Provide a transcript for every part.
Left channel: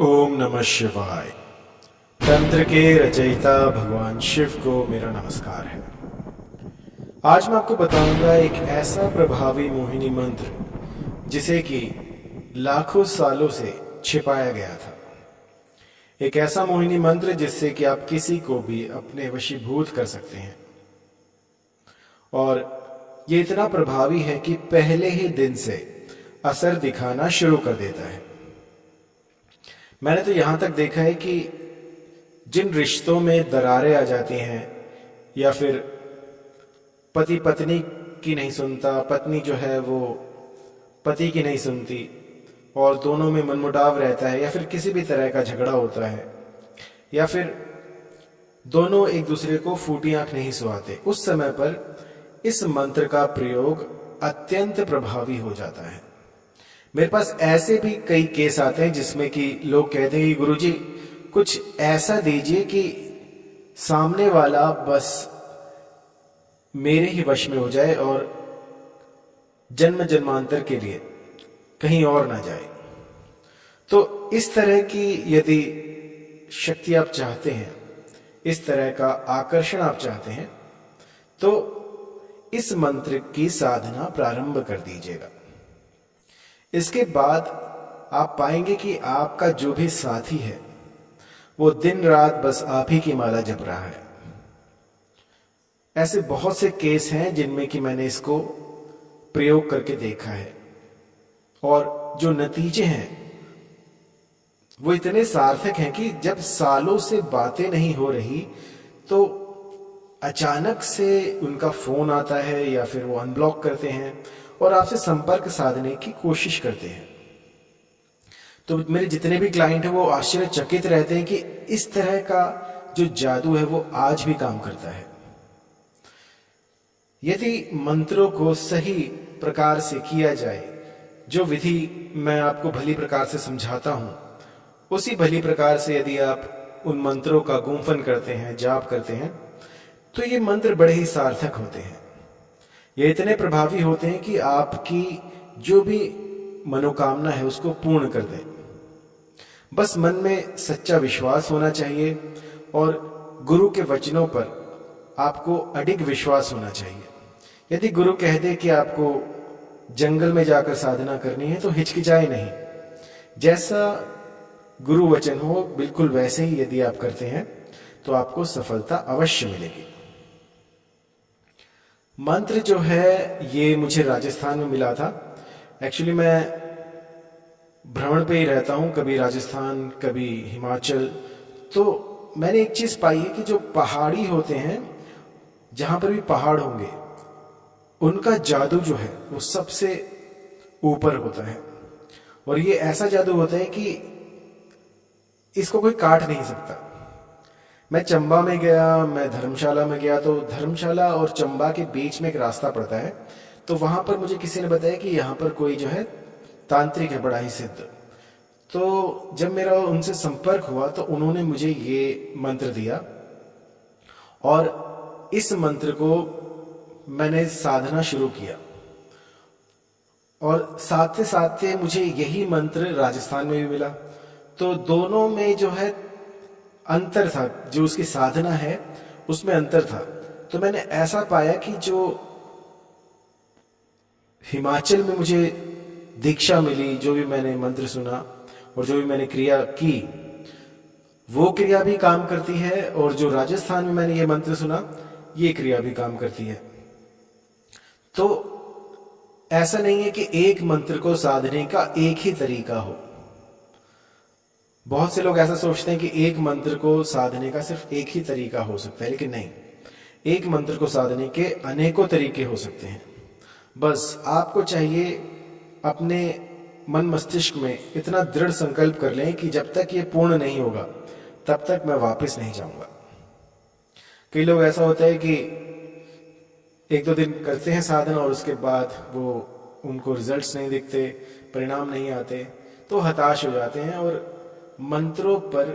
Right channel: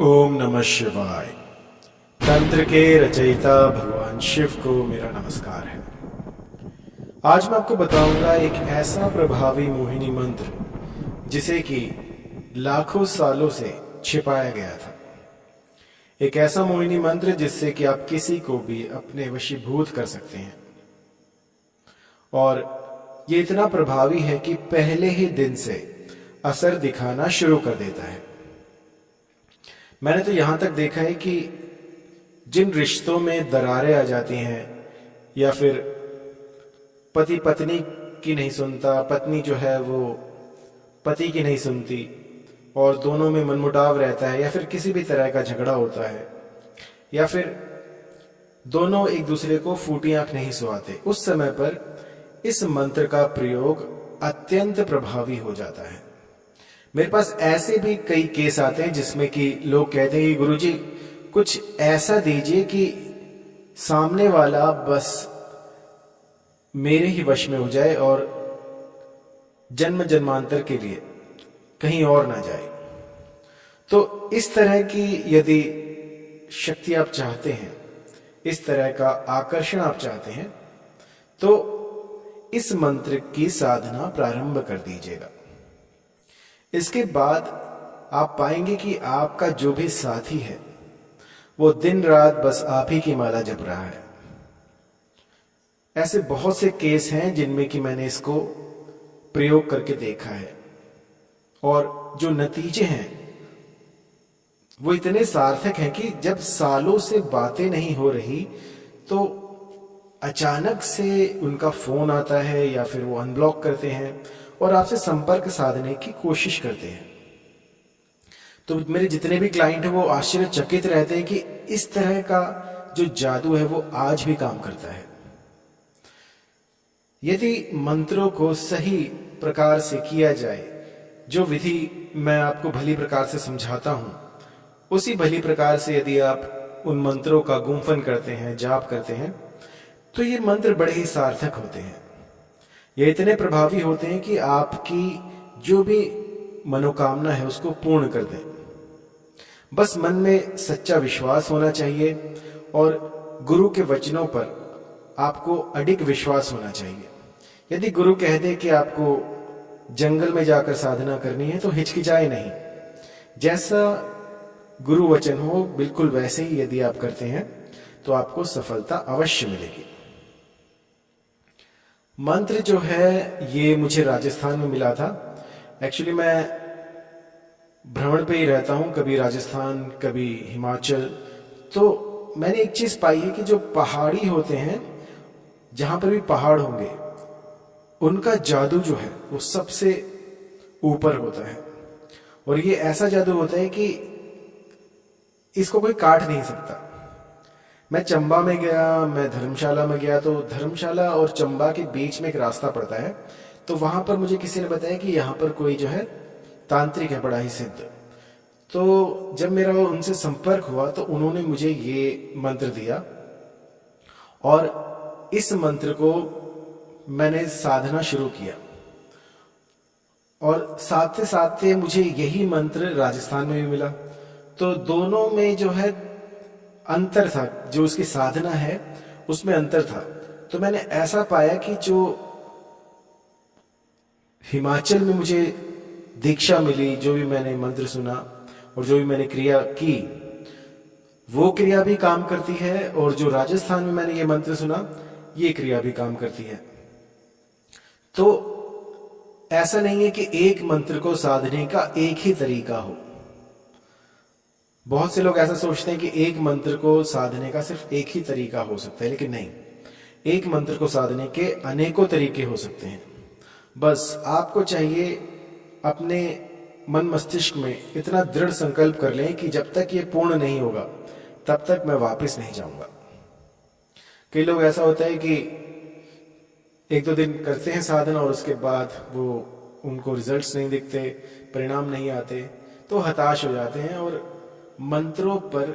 ओम नमः शिवाय। तंत्र के रचयिता भगवान शिव को मेरा नमस्कार है। आज मैं आपको बताऊंगा एक ऐसा प्रभावी मोहिनी मंत्र जिसे कि लाखों सालों से छिपाया गया था। एक ऐसा मोहिनी मंत्र जिससे कि आप किसी को भी अपने वशीभूत कर सकते हैं, और ये इतना प्रभावी है कि पहले ही दिन से असर दिखाना शुरू कर देता है। मैंने तो यहां तक देखा है कि जिन रिश्तों में दरारें आ जाती हैं, या फिर पति पत्नी की नहीं सुनता, पत्नी जो है वो पति की नहीं सुनती, और दोनों में मनमुटाव रहता है, या फिर किसी भी तरह का झगड़ा होता है, या फिर दोनों एक दूसरे को फूटी आंख नहीं सुहाते, उस समय पर इस मंत्र का प्रयोग अत्यंत प्रभावी हो जाता है। मेरे पास ऐसे भी कई केस आते हैं जिसमें कि लोग कहते हैं कि गुरुजी कुछ ऐसा दीजिए कि सामने वाला बस मेरे ही वश में हो जाए और जन्म जन्मांतर के लिए कहीं और ना जाए। तो इस तरह की यदि शक्ति आप चाहते हैं, इस तरह का आकर्षण आप चाहते हैं, तो इस मंत्र की साधना प्रारंभ कर दीजिएगा। इसके बाद आप पाएंगे कि आपका जो भी साथी है वो दिन रात बस आप ही की माला जप रहा है। ऐसे बहुत से केस हैं जिनमें कि मैंने इसको प्रयोग करके देखा है, और जो नतीजे हैं वो इतने सार्थक हैं कि जब सालों से बातें नहीं हो रही तो अचानक से उनका फोन आता है, या फिर वो अनब्लॉक करते हैं और आपसे संपर्क साधने की कोशिश करते हैं। तो मेरे जितने भी क्लाइंट हैं वो आश्चर्यचकित रहते हैं कि इस तरह का जो जादू है वो आज भी काम करता है। यदि मंत्रों को सही प्रकार से किया जाए, जो विधि मैं आपको भली प्रकार से समझाता हूं, उसी भली प्रकार से यदि आप उन मंत्रों का गुम्फन करते हैं, जाप करते हैं, तो ये मंत्र बड़े ही सार्थक होते हैं। ये इतने प्रभावी होते हैं कि आपकी जो भी मनोकामना है उसको पूर्ण कर दें। बस मन में सच्चा विश्वास होना चाहिए, और गुरु के वचनों पर आपको अडिग विश्वास होना चाहिए। यदि गुरु कह दे कि आपको जंगल में जाकर साधना करनी है तो हिचकिचाए नहीं। जैसा गुरु वचन हो बिल्कुल वैसे ही यदि आप करते हैं तो आपको सफलता अवश्य मिलेगी। मंत्र जो है ये मुझे राजस्थान में मिला था। एक्चुअली मैं भ्रमण पे ही रहता हूँ, कभी राजस्थान कभी हिमाचल। तो मैंने एक चीज पाई है कि जो पहाड़ी होते हैं, जहां पर भी पहाड़ होंगे, उनका जादू जो है वो सबसे ऊपर होता है। और ये ऐसा जादू होता है कि इसको कोई काट नहीं सकता। मैं चंबा में गया, मैं धर्मशाला में गया, तो धर्मशाला और चंबा के बीच में एक रास्ता पड़ता है। तो वहां पर मुझे किसी ने बताया कि यहाँ पर कोई जो है तांत्रिक है, बड़ा ही सिद्ध। तो जब मेरा उनसे संपर्क हुआ तो उन्होंने मुझे ये मंत्र दिया, और इस मंत्र को मैंने साधना शुरू किया। और साथ साथ मुझे यही मंत्र राजस्थान में भी मिला। तो दोनों में जो है अंतर था, जो उसकी साधना है उसमें अंतर था। तो मैंने ऐसा पाया कि जो हिमाचल में मुझे दीक्षा मिली, जो भी मैंने मंत्र सुना और जो भी मैंने क्रिया की, वो क्रिया भी काम करती है, और जो राजस्थान में मैंने ये मंत्र सुना, ये क्रिया भी काम करती है। तो ऐसा नहीं है कि एक मंत्र को साधने का एक ही तरीका हो। बहुत से लोग ऐसा सोचते हैं कि एक मंत्र को साधने का सिर्फ एक ही तरीका हो सकता है, लेकिन नहीं, एक मंत्र को साधने के अनेकों तरीके हो सकते हैं। बस आपको चाहिए अपने मन मस्तिष्क में इतना दृढ़ संकल्प कर लें कि जब तक ये पूर्ण नहीं होगा तब तक मैं वापस नहीं जाऊंगा। कई लोग ऐसा होता है कि एक दो दिन करते हैं साधना और उसके बाद वो उनको रिजल्ट्स नहीं दिखते, परिणाम नहीं आते, तो हताश हो जाते हैं और मंत्रों पर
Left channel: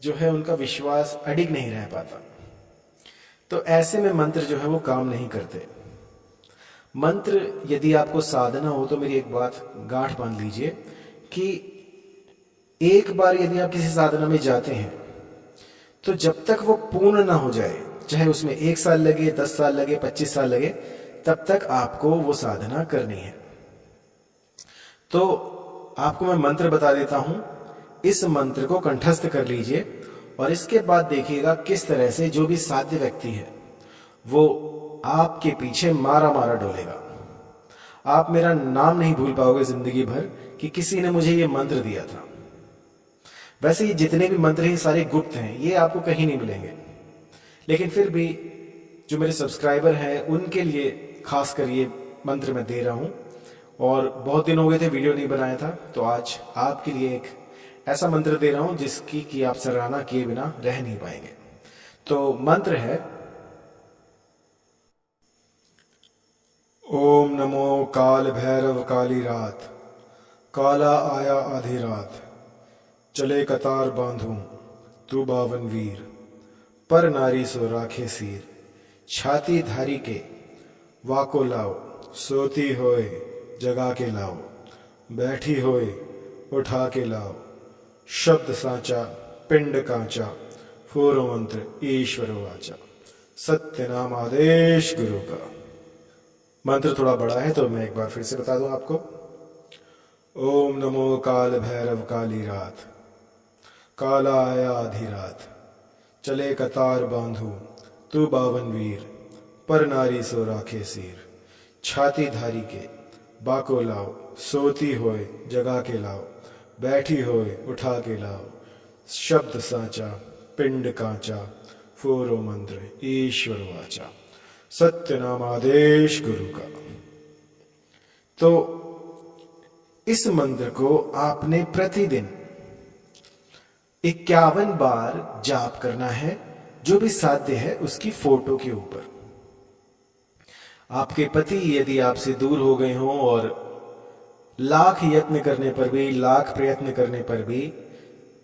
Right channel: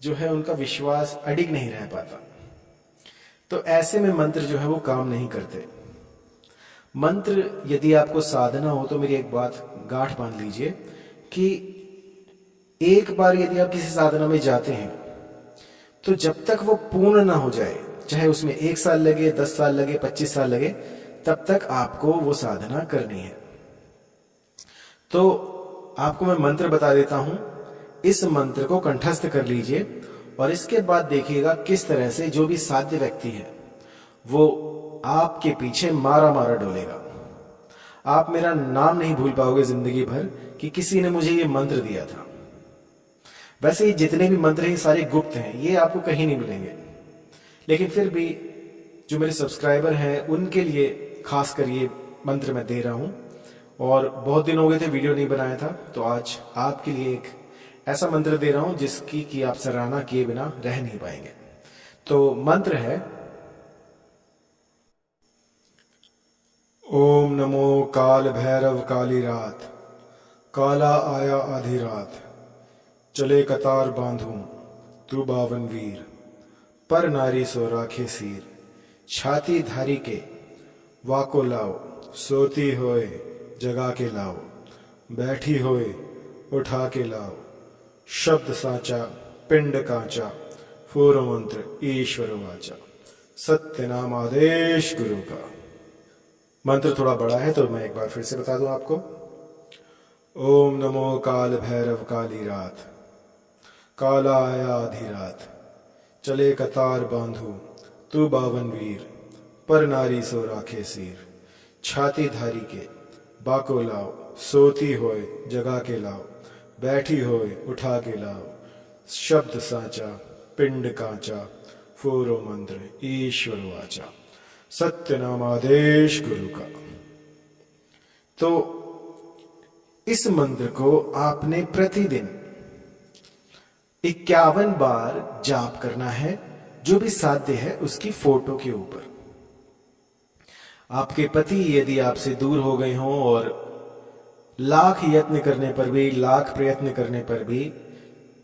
जो है उनका विश्वास अडिग नहीं रह पाता। तो ऐसे में मंत्र जो है वो काम नहीं करते। मंत्र यदि आपको साधना हो तो मेरी एक बात गांठ बांध लीजिए कि एक बार यदि आप किसी साधना में जाते हैं तो जब तक वो पूर्ण ना हो जाए, चाहे उसमें 1 साल लगे, 10 साल लगे, 25 साल लगे, तब तक आपको वो साधना करनी है। तो आपको मैं मंत्र बता देता हूं, इस मंत्र को कंठस्थ कर लीजिए और इसके बाद देखिएगा किस तरह से जो भी साध्य व्यक्ति है वो आपके पीछे मारा मारा डोलेगा। आप मेरा नाम नहीं भूल पाओगे जिंदगी भर कि किसी ने मुझे ये मंत्र दिया था। वैसे ही जितने भी मंत्र हैं सारे गुप्त हैं, ये आपको कहीं नहीं मिलेंगे, लेकिन फिर भी जो मेरे सब्सक्राइबर हैं उनके लिए खास कर ये मंत्र मैं दे रहा हूं। और बहुत दिन हो गए थे वीडियो नहीं बनाया था, तो आज आपके लिए एक ऐसा मंत्र दे रहा हूं जिसकी कि आप सराहना किए बिना रह नहीं पाएंगे। तो मंत्र है, ओम नमो काल भैरव काली रात, काला आया आधी रात, चले कतार बांधूं तू बावन वीर, पर नारी सो राखे सीर, छाती धारी के वाको लाओ, सोती होए जगा के लाओ, बैठी होए उठा के लाओ, शब्द साचा पिंड कांचा, फूर मंत्र ईश्वर वाचा, सत्य नाम आदेश गुरु का। मंत्र थोड़ा बड़ा है तो मैं एक बार फिर से बता दूं आपको। ओम नमो काल भैरव काली रात, काला आया आधी रात, चले कतार बांधू तू बावन वीर, पर नारी सो राखे सीर, छाती धारी के बाको लाओ, सोती होए जगा के लाओ, बैठी होए उठा के लाओ, शब्द साचा पिंड कांचा, फोरो मंत्र ईश्वर वाचा, सत्य नाम आदेश गुरु का। तो इस मंत्र को आपने प्रतिदिन 51 बार जाप करना है, जो भी साध्य है उसकी फोटो के ऊपर। आपके पति यदि आपसे दूर हो गए हों और लाख यत्न करने पर भी, लाख प्रयत्न करने पर भी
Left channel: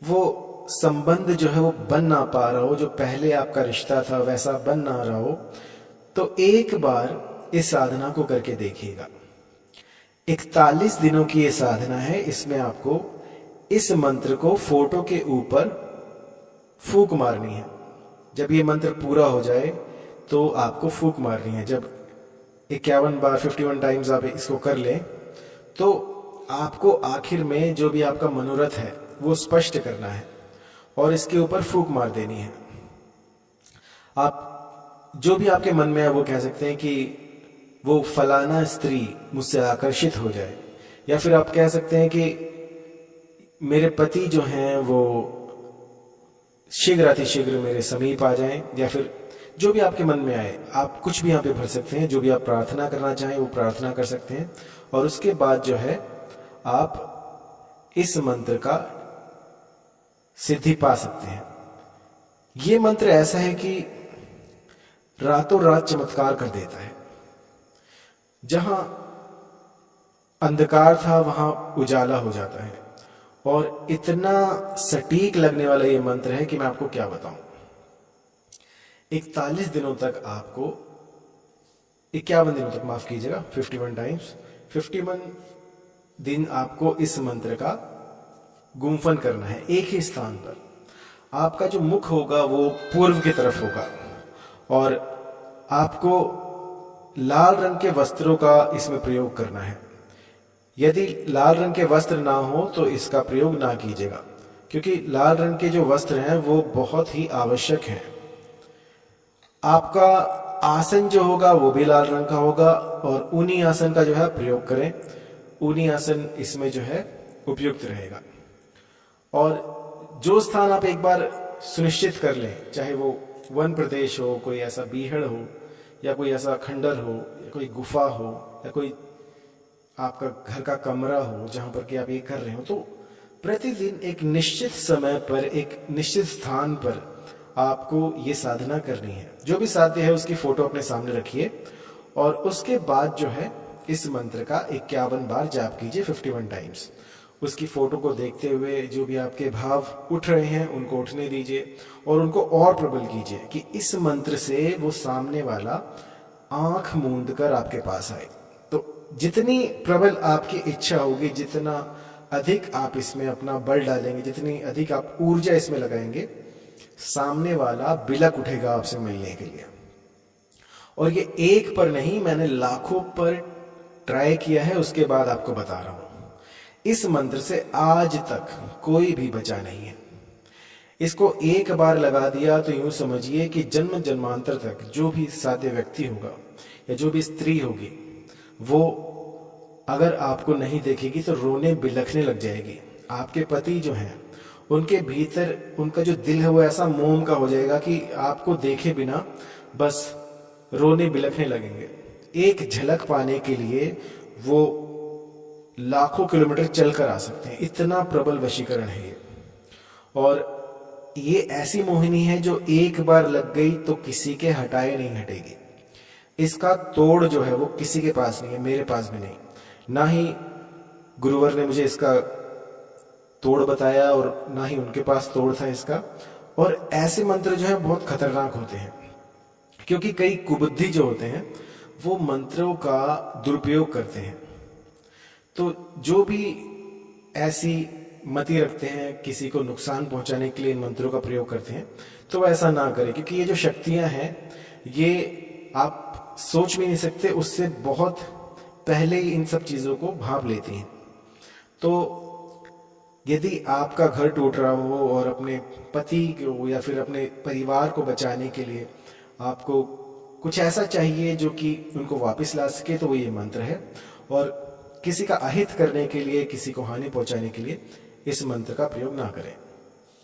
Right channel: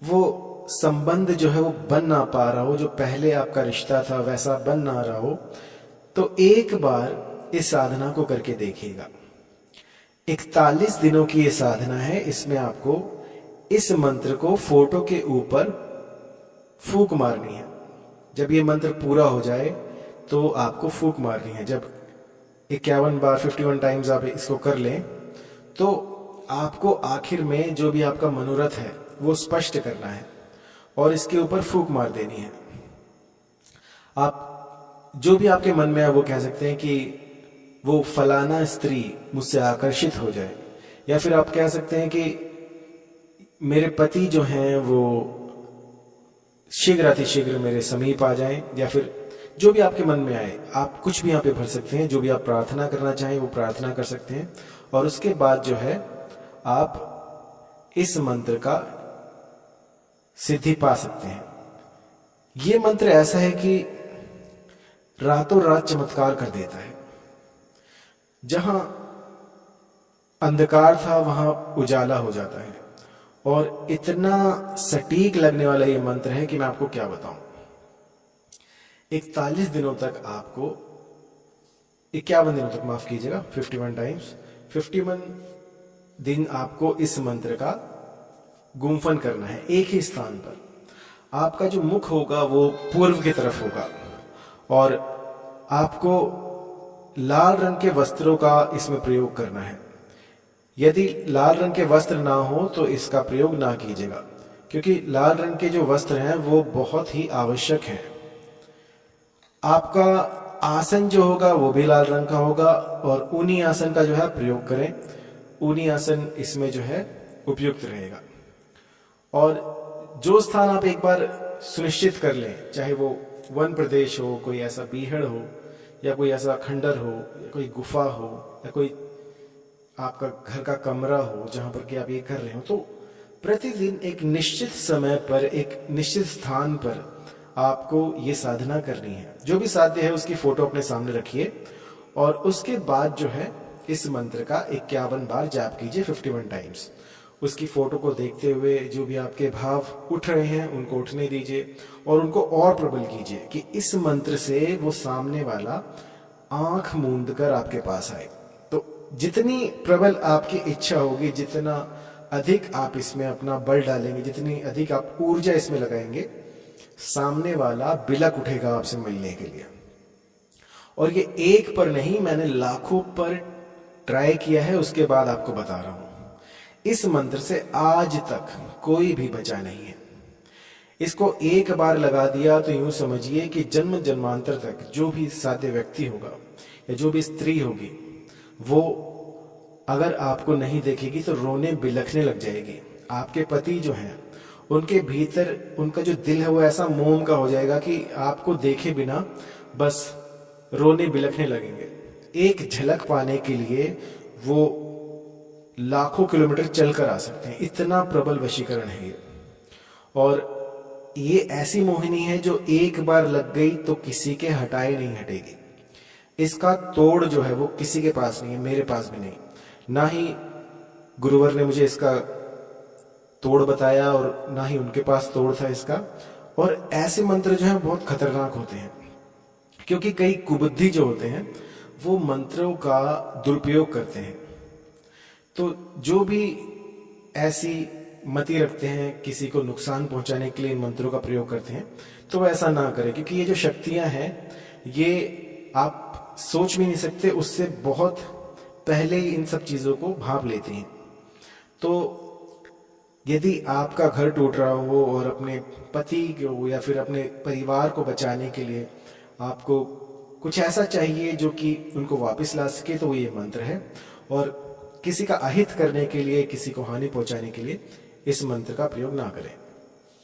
वो संबंध जो है वो बन ना पा रहा हो, जो पहले आपका रिश्ता था वैसा बन ना रहा हो, तो एक बार इस साधना को करके देखिएगा। 41 दिनों की ये साधना है। इसमें आपको इस मंत्र को फोटो के ऊपर फूंक मारनी है। जब ये मंत्र पूरा हो जाए तो आपको फूंक मारनी है। जब 51 बार 51 टाइम्स आप इसको कर लें तो आपको आखिर में जो भी आपका मनोरथ है वो स्पष्ट करना है और इसके ऊपर फूंक मार देनी है। आप जो भी आपके मन में है वो कह सकते हैं कि वो फलाना स्त्री मुझसे आकर्षित हो जाए, या फिर आप कह सकते हैं कि मेरे पति जो हैं वो शीघ्र अतिशीघ्र मेरे समीप आ जाएं, या फिर जो भी आपके मन में आए आप कुछ भी यहाँ पे भर सकते हैं। जो भी आप प्रार्थना करना चाहें वो प्रार्थना कर सकते हैं और उसके बाद जो है आप इस मंत्र का सिद्धि पा सकते हैं। ये मंत्र ऐसा है कि रातों रात चमत्कार कर देता है। जहां अंधकार था वहां उजाला हो जाता है और इतना सटीक लगने वाला ये मंत्र है कि मैं आपको क्या बताऊं। 41 दिनों तक आपको 51 दिनों तक, माफ कीजिएगा, 51 टाइम्स 51 दिन आपको इस मंत्र का गुम्फन करना है एक ही स्थान पर। आपका जो मुख होगा वो पूर्व की तरफ होगा और आपको लाल रंग के वस्त्रों का इसमें प्रयोग करना है। यदि लाल रंग के वस्त्र ना हो तो इसका प्रयोग ना कीजिएगा, क्योंकि लाल रंग के जो वस्त्र हैं वो बहुत ही आवश्यक हैं। आपका आसन जो होगा वो भी लाल रंग का होगा और ऊनी आसन का जो है प्रयोग करें। ऊनी आसन इसमें जो है उपयुक्त रहेगा। और जो स्थान आप एक बार सुनिश्चित कर लें, चाहे वो वन प्रदेश हो, कोई ऐसा बीहड़ हो, या कोई ऐसा खंडर हो, या कोई गुफा हो, या कोई आपका घर का कमरा हो जहां पर कि आप ये कर रहे हो, तो प्रतिदिन एक निश्चित समय पर एक निश्चित स्थान पर आपको ये साधना करनी है। जो भी साध्य है उसकी फोटो अपने सामने रखिए और उसके बाद जो है इस मंत्र का 51 बार जाप कीजिए 51 टाइम्स। उसकी फोटो को देखते हुए जो भी आपके भाव उठ रहे हैं उनको उठने दीजिए और उनको और प्रबल कीजिए कि इस मंत्र से वो सामने वाला आंख मूंद कर आपके पास आए। तो जितनी प्रबल आपकी इच्छा होगी, जितना अधिक आप इसमें अपना बल डालेंगे, जितनी अधिक आप ऊर्जा इसमें लगाएंगे, सामने वाला बिलक उठेगा आपसे मिलने के लिए। और ये एक पर नहीं, मैंने लाखों पर ट्राई किया है, उसके बाद आपको बता रहा हूं। इस मंत्र से आज तक कोई भी बचा नहीं है। इसको एक बार लगा दिया तो यूं समझिए कि जन्म जन्मांतर तक जो भी साध्य व्यक्ति होगा या जो भी स्त्री होगी, वो अगर आपको नहीं देखेगी तो रोने बिलखने लग जाएगी। आपके पति जो हैं, उनके भीतर उनका जो दिल है वो ऐसा मोम का हो जाएगा कि आपको देखे बिना बस रोने बिलखने लगेंगे। एक झलक पाने के लिए वो लाखों किलोमीटर चलकर आ सकते हैं, इतना प्रबल वशीकरण है ये। और ये ऐसी मोहिनी है जो एक बार लग गई तो किसी के हटाए नहीं हटेगी। इसका तोड़ जो है वो किसी के पास नहीं है, मेरे पास भी नहीं, ना ही गुरुवर ने मुझे इसका तोड़ बताया और ना ही उनके पास तोड़ था इसका। और ऐसे मंत्र जो हैं बहुत खतरनाक होते हैं, क्योंकि कई कुबुद्धि जो होते हैं वो मंत्रों का दुरुपयोग करते हैं। तो जो भी ऐसी मति रखते हैं, किसी को नुकसान पहुंचाने के लिए इन मंत्रों का प्रयोग करते हैं, तो वह ऐसा ना करें, क्योंकि ये जो शक्तियां हैं ये आप सोच भी नहीं सकते, उससे बहुत पहले ही इन सब चीज़ों को भांप लेती हैं। तो यदि आपका घर टूट रहा हो और अपने पति को या फिर अपने परिवार को बचाने के लिए आपको कुछ ऐसा चाहिए जो कि उनको वापस ला सके, तो वो ये मंत्र है। और किसी का अहित करने के लिए, किसी को हानि पहुंचाने के लिए इस मंत्र का प्रयोग ना करें।